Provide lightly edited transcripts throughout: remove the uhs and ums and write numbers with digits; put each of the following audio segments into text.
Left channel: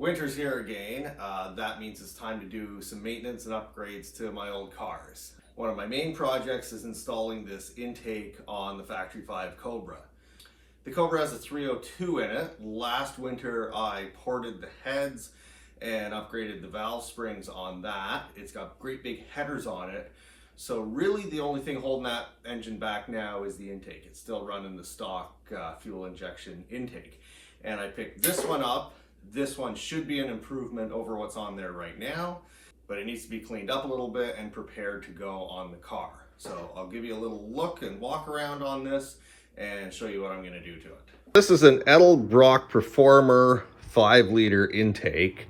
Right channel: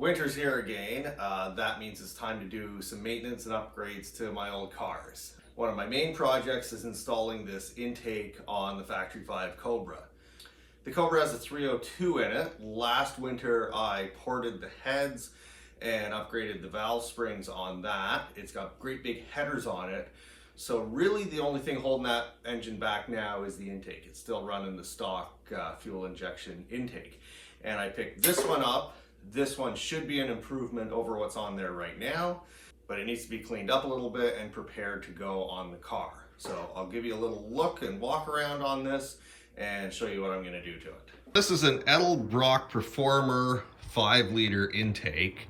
Winter's here again. That means it's time to do some maintenance and upgrades to my old cars. One of my main projects is installing this intake on the Factory 5 Cobra. The Cobra has a 302 in it. Last winter I ported the heads and upgraded the valve springs on that. It's got great big headers on it. So really the only thing holding that engine back now is the intake. It's still running the stock fuel injection intake. And I picked this one up. This one should be an improvement over what's on there right now, but it needs to be cleaned up a little bit and prepared to go on the car. So I'll give you a little look and walk around on this and show you what I'm gonna do to it. This is an Edelbrock Performer 5-liter intake.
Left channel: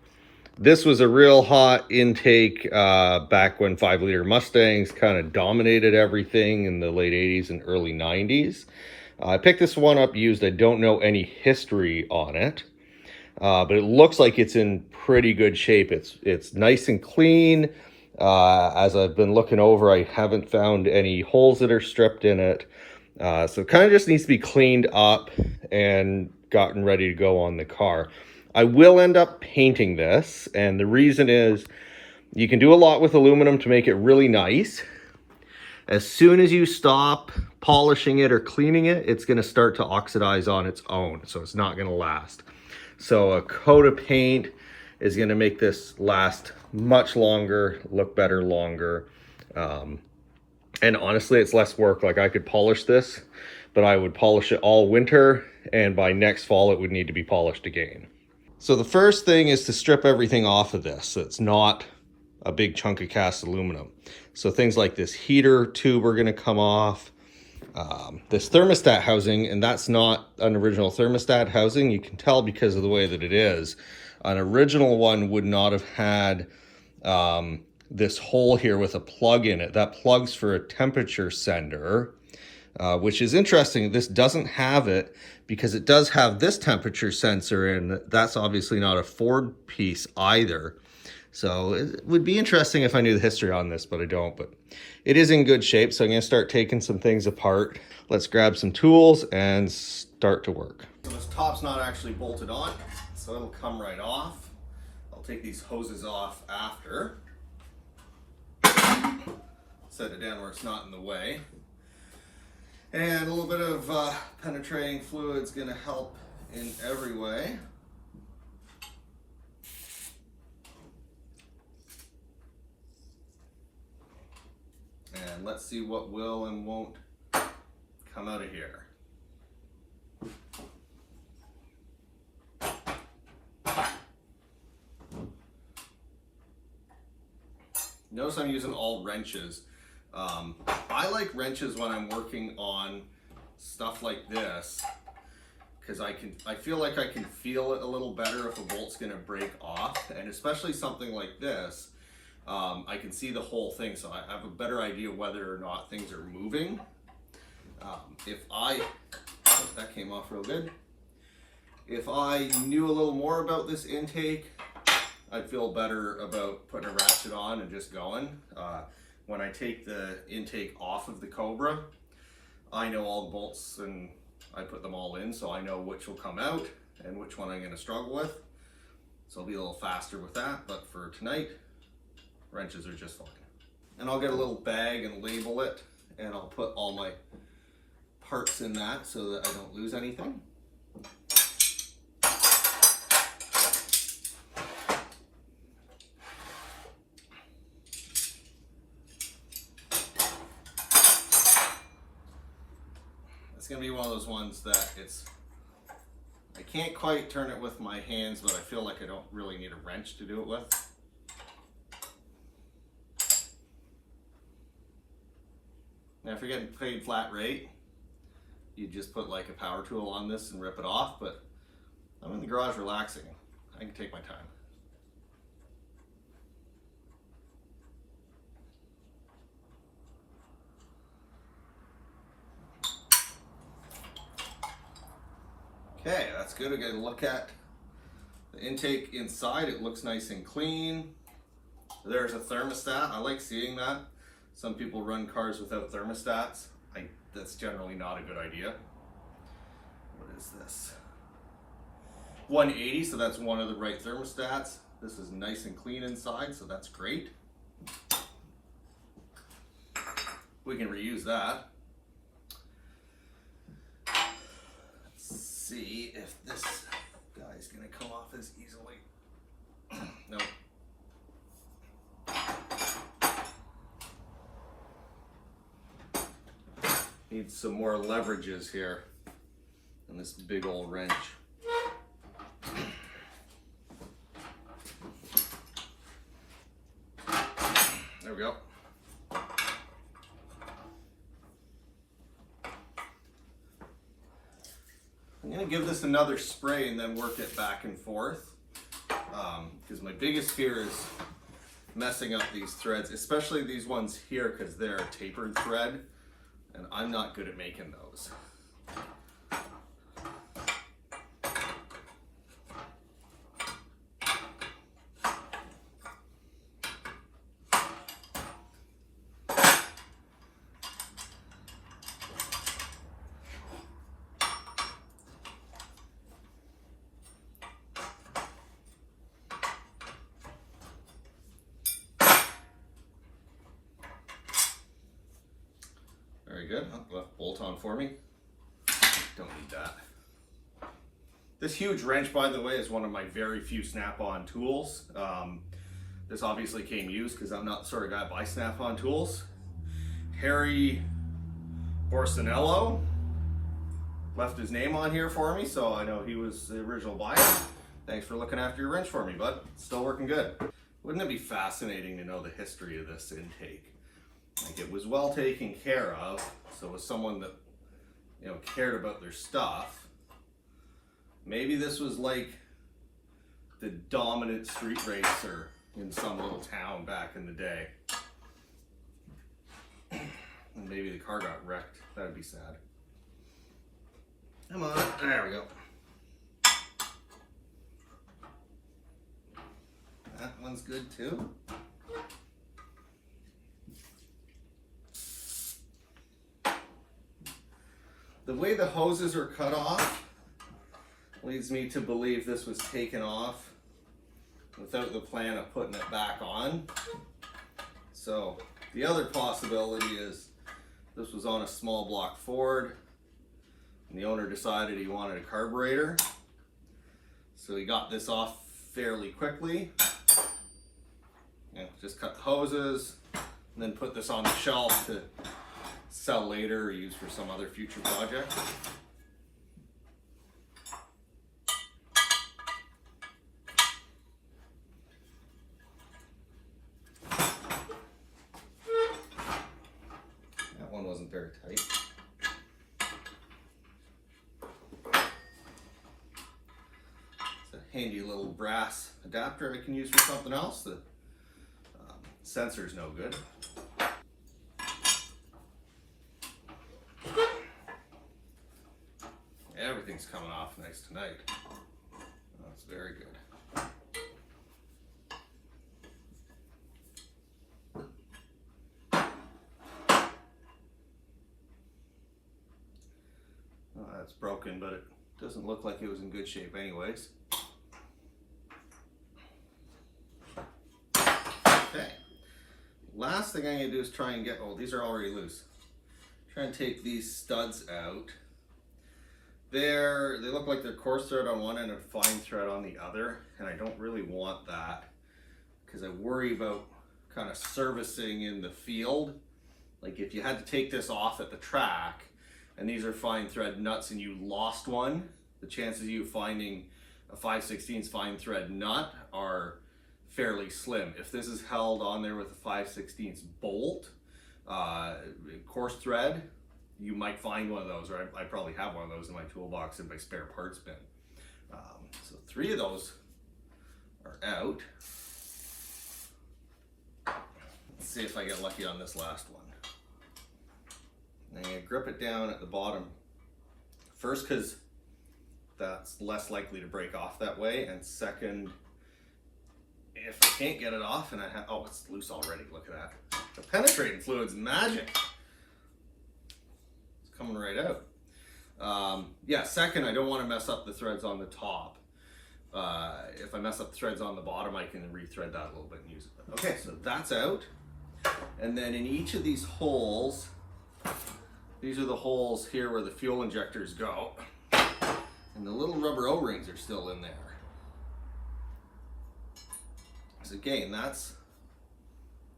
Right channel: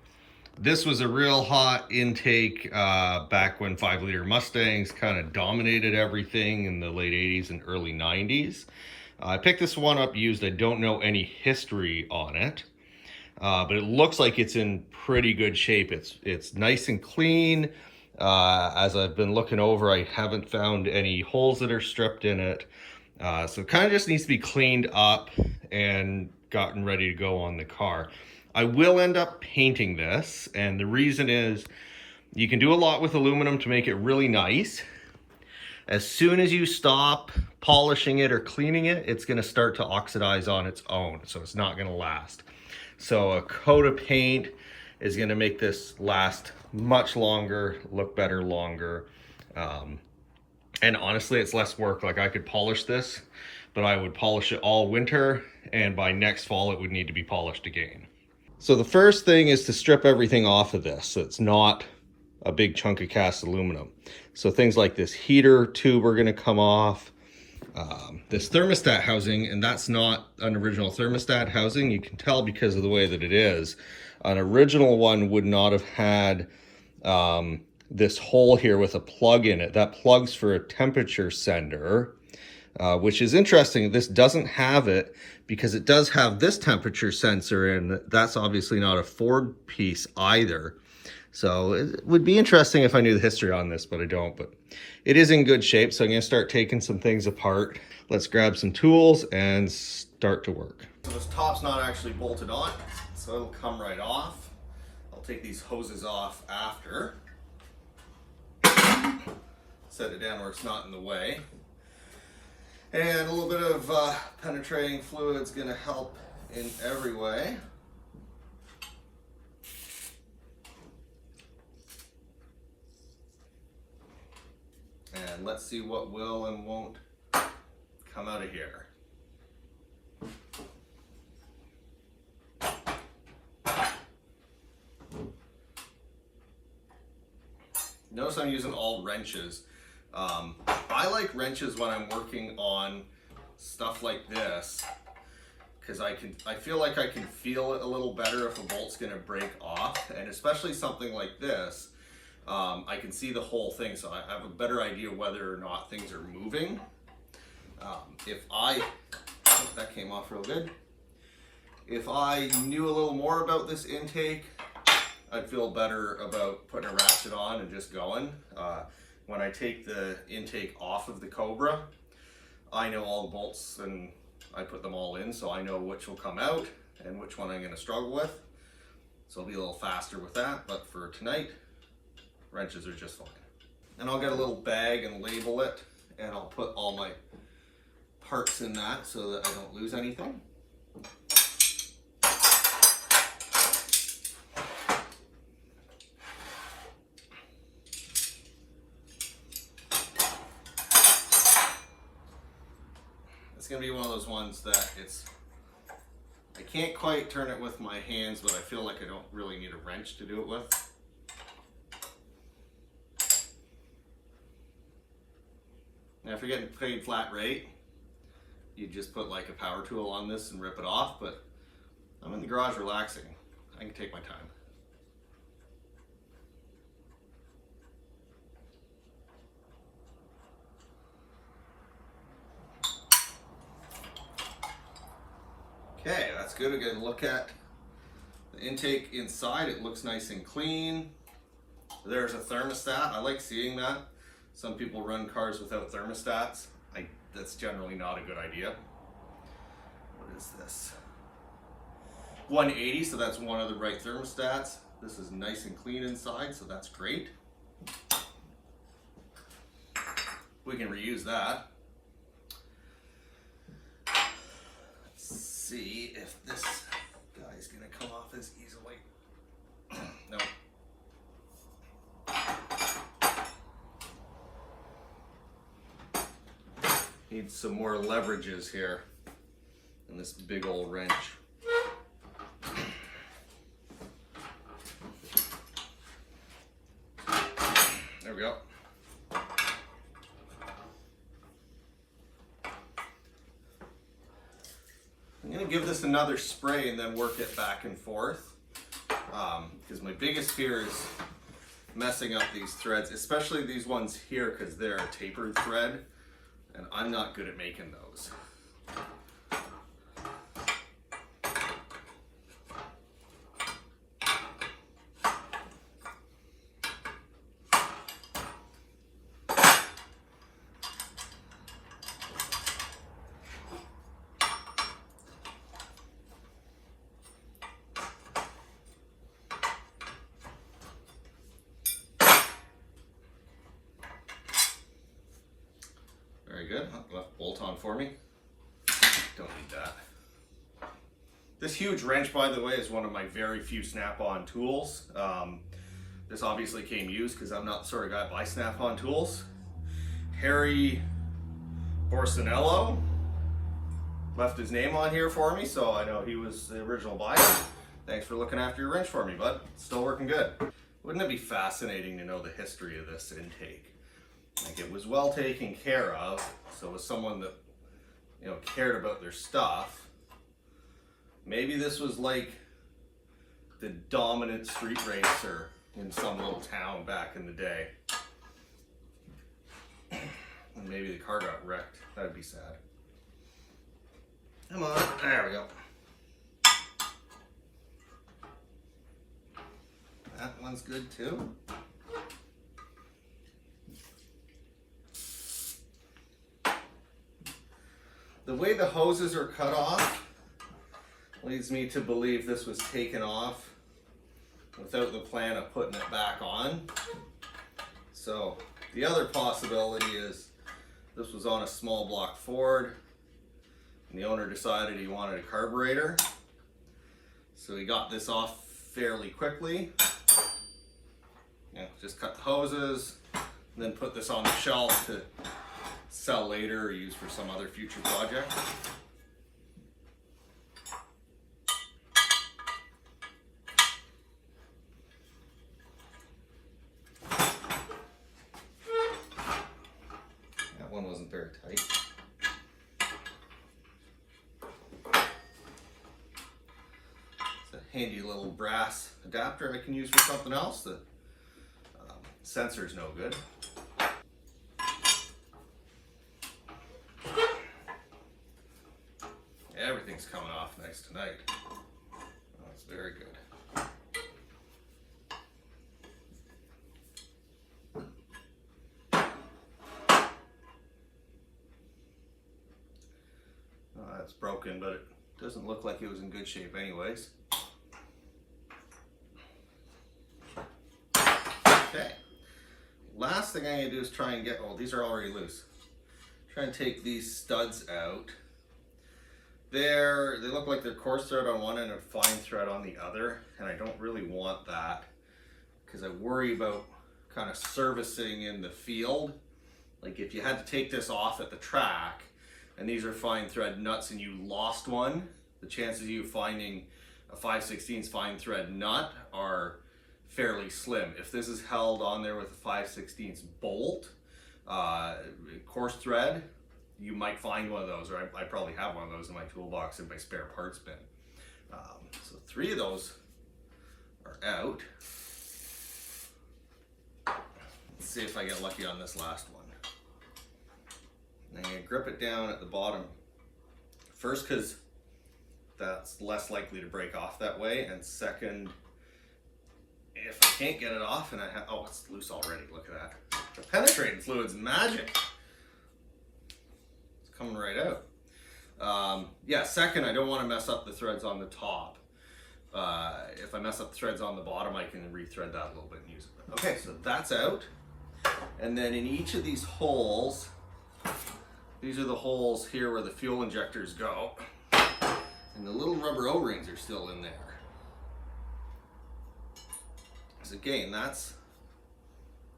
This was a real hot intake back when 5-liter Mustangs kind of dominated everything in the late 80s and early 90s. I picked this one up used. I don't know any history on it. But it looks like it's in pretty good shape. It's nice and clean. As I've been looking over, I haven't found any holes that are stripped in it. So it kind of just needs to be cleaned up and gotten ready to go on the car. I will end up painting this, and the reason is you can do a lot with aluminum to make it really nice. As soon as you stop polishing it or cleaning it, it's going to start to oxidize on its own, so it's not going to last. So a coat of paint is going to make this last much longer, look better longer. And honestly, it's less work. Like I could polish this, but I would polish it all winter, and by next fall, it would need to be polished again. So the first thing is to strip everything off of this so it's not a big chunk of cast aluminum. So things like this heater tube are going to come off. This thermostat housing, and that's not an original thermostat housing. You can tell because of the way that it is. An original one would not have had this hole here with a plug in it. That plugs for a temperature sender, which is interesting. This doesn't have it because it does have this temperature sensor, and that's obviously not a Ford piece either. So it would be interesting if I knew the history on this, but I don't. But it is in good shape, so I'm going to start taking some things apart. Let's grab some tools and start to work. So this top's not actually bolted on, so it'll come right off. I'll take these hoses off after. Set it down where it's not in the way. And a little bit of penetrating fluid is going to help in every way. And let's see what will and won't come out of here. Notice I'm using all wrenches. I like wrenches when I'm working on stuff like this because I feel like I can feel it a little better if a bolt's gonna break off, and especially something like this. I can see the whole thing, so I have a better idea whether or not things are moving. That came off real good. If I knew a little more about this intake, I'd feel better about putting a ratchet on and just going. When I take the intake off of the Cobra, I know all the bolts and I put them all in, so I know which will come out and which one I'm going to struggle with. So I'll be a little faster with that, but for tonight, wrenches are just fine. And I'll get a little bag and label it, and I'll put all my parts in that so that I don't lose anything. It's gonna be one of those ones that I can't quite turn it with my hands, but I feel like I don't really need a wrench to do it with. Now, if you're getting paid flat rate, you just put like a power tool on this and rip it off, but I'm in the garage relaxing. I can take my time. Okay, that's good. We're gonna look at the intake inside. It looks nice and clean. There's a thermostat. I like seeing that. Some people run cars without thermostats. That's generally not a good idea. What is this? 180, so that's one of the right thermostats. This is nice and clean inside, so that's great. We can reuse that. Let's see if this guy's gonna come off as easily. No. Need some more leverages here in this big old wrench. There we go. I'm gonna give this another spray and then work it back and forth, because my biggest fear is messing up these threads, especially these ones here, because they're a tapered thread and I'm not good at making those. Very good. Left bolt on for me. Don't need that. This huge wrench, by the way, is one of my very few snap-on tools. This obviously came used because I'm not the sort of guy to buy snap-on tools. Harry Borsinello left his name on here for me, so I know he was the original buyer. Thanks for looking after your wrench for me, bud. Still working good. Wouldn't it be fascinating to know the history of this intake? Like, it was well taken care of, so it was someone that, you know, cared about their stuff. Maybe this was like the dominant street racer in some little town back in the day. And maybe the car got wrecked. That would be sad. Come on, there we go. That one's good too. The way the hoses are cut off leads me to believe this was taken off without the plan of putting it back on. So the other possibility is this was on a small block Ford and the owner decided he wanted a carburetor. So he got this off fairly quickly. You know, just cut the hoses and then put this on the shelf to sell later or use for some other future project. That one wasn't very tight. It's a handy little brass adapter I can use for something else. The sensor's no good. Everything's coming off nice tonight. Oh, it's very good. Oh, that's broken, but it doesn't look like it was in good shape anyways. Okay. Last thing I'm going to do is try and get, oh, these are already loose. Try and take these studs out. They look like they're coarse thread on one end and fine thread on the other, and I don't really want that because I worry about kind of servicing in the field. Like if you had to take this off at the track and these are fine thread nuts and you lost one, the chances of you finding a 5/16 fine thread nut are fairly slim. If this is held on there with a 5/16 bolt, coarse thread, you might find one of those, or I probably have one of those in my toolbox in my spare parts bin. So 3 of those are out. Let's see if I get lucky on this last one. I'm gonna grip it down at the bottom. First, because that's less likely to break off that way, and second, if I can't get it off and I have, oh, it's loose already, look at that. The penetrating fluid's magic. Coming right out. Yeah, second, I don't want to mess up the threads on the top. if I mess up the threads on the bottom, I can rethread that a little bit and use it. Okay, so that's out. And then in each of these holes, these are the holes here where the fuel injectors go. And the little rubber O-rings are still in there. So again, that's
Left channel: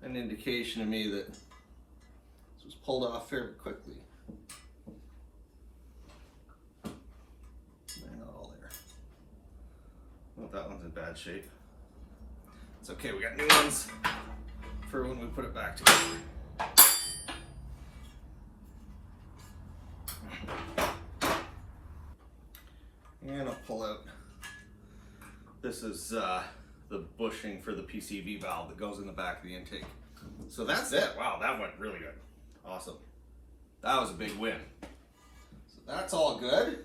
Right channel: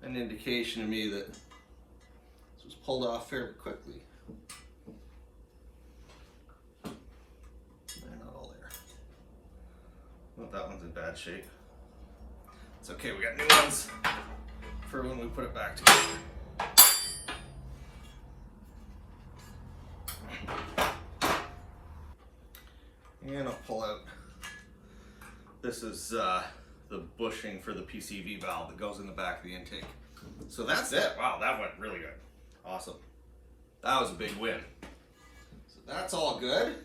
an indication to me that this was pulled off fairly quickly. They're not all there. Well, that one's in bad shape. It's okay, we got new ones for when we put it back together. And I'll pull out, this is the bushing for the PCV valve that goes in the back of the intake. So that's it. Wow, that went really good. Awesome. That was a big win. So that's all good.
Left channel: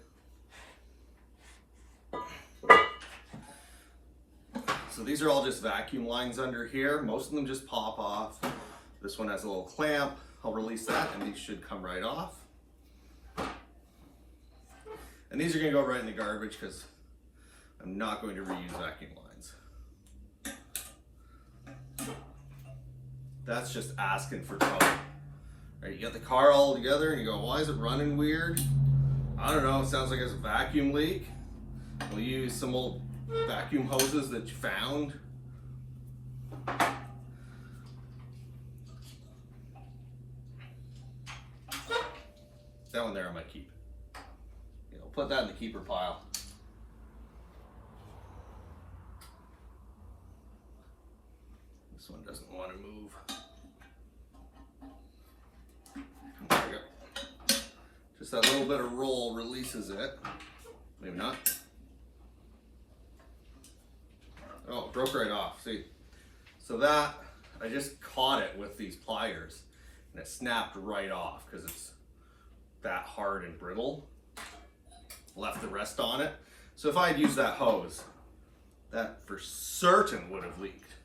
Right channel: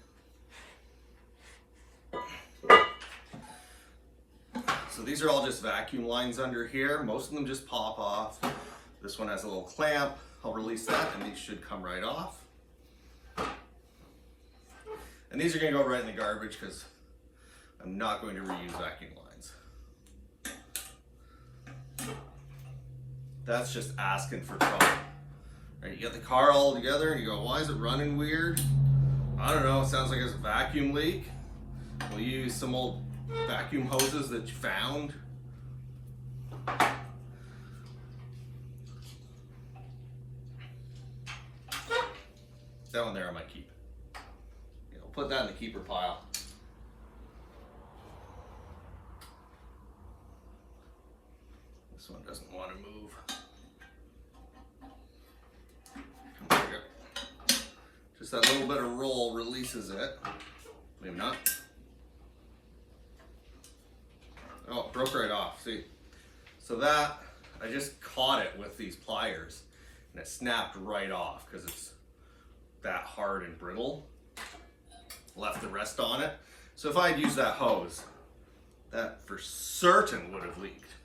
So these are all just vacuum lines under here. Most of them just pop off. This one has a little clamp. I'll release that and these should come right off. And these are going to go right in the garbage because I'm not going to reuse vacuum lines. That's just asking for trouble. Right, you got the car all together and you go, why is it running weird? I don't know, it sounds like it's a vacuum leak. We'll use some old vacuum hoses that you found. That one there I might keep. Put that in the keeper pile. This one doesn't want to move. There we go. Just that little bit of roll releases it. Maybe not. Oh, it broke right off. See? So that, I just caught it with these pliers and it snapped right off because it's that hard and brittle. Left the rest on it. So if I had used that hose, that for certain would have leaked.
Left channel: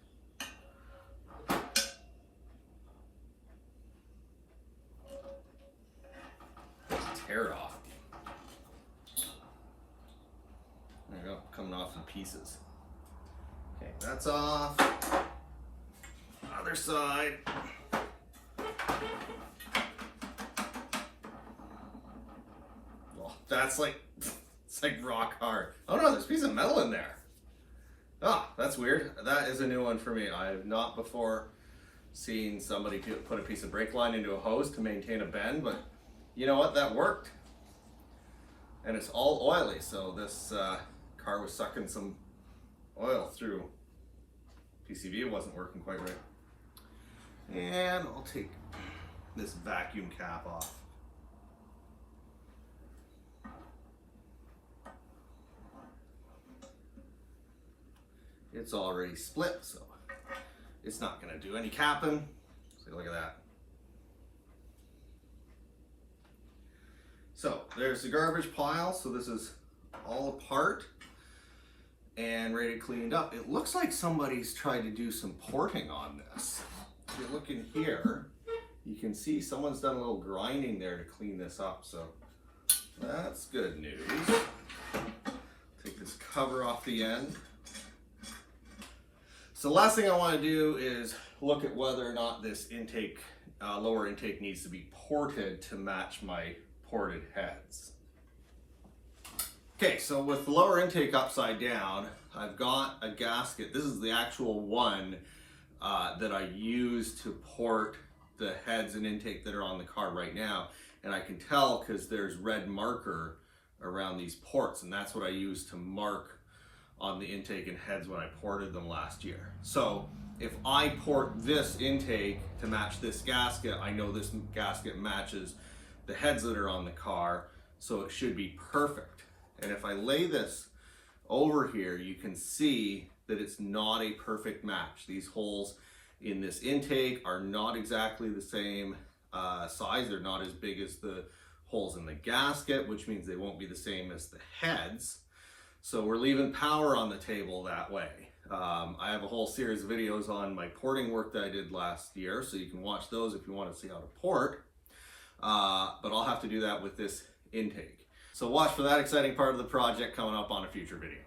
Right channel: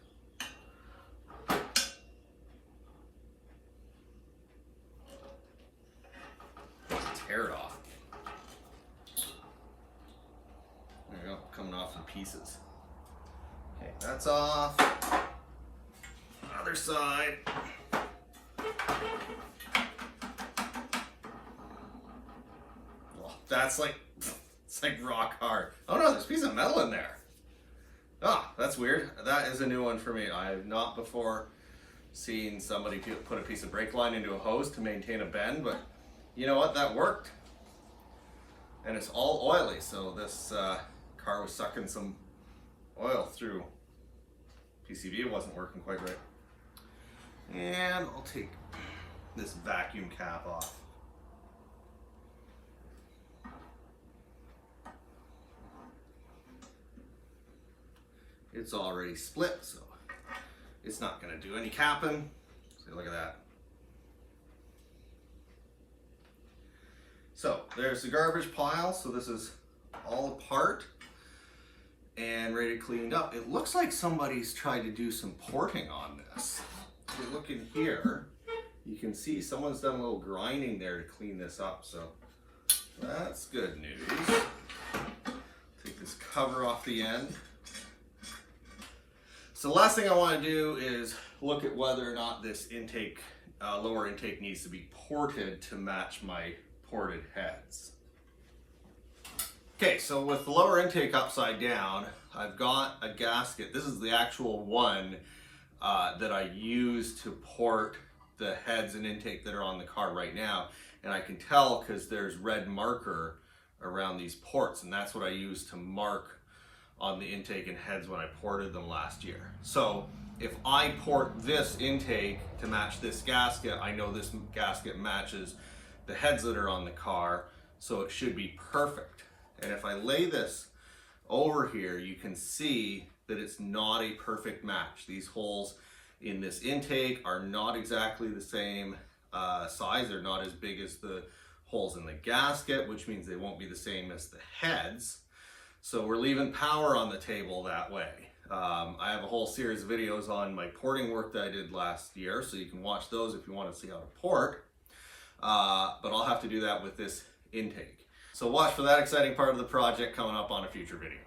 Tear it off. There you go, coming off in pieces. Okay, that's off. Other side. That's like, it's like rock hard. Oh no, there's a piece of metal in there. Ah, that's weird. That is a new one for me. I have not before seen somebody put a piece of brake line into a hose to maintain a bend, but you know what, that worked. And it's all oily, so this car was sucking some oil through. PCV wasn't working quite right. And I'll take this vacuum cap off. It's already split, so it's not going to do any capping. See, look at that. So there's the garbage pile. So this is all apart and ready cleaned up. It looks like somebody's tried to do some porting on this. If you look in here, you can see someone's done a little grinding there to clean this up. So that's good news. Take this cover off the end. So the last thing I want to do is look at whether or not this intake, lower intake needs to be ported to match my ported heads. Okay, so with the lower intake upside down, I've got a gasket. This is the actual one that I use to port the heads and intake that are on the car right now. And I can tell because there's red marker around these ports, and that's what I use to mark on the intake and heads when I ported them last year. So if I port this intake to match this gasket, I know this gasket matches the heads that are on the car, so it should be perfect. And if I lay this over here, you can see that it's not a perfect match. These holes in this intake are not exactly the same size. They're not as big as the holes in the gasket, which means they won't be the same as the heads. So we're leaving power on the table that way. I have a whole series of videos on my porting work that I did last year, so you can watch those if you want to see how to port. But I'll have to do that with this intake. So watch for that exciting part of the project coming up on a future video.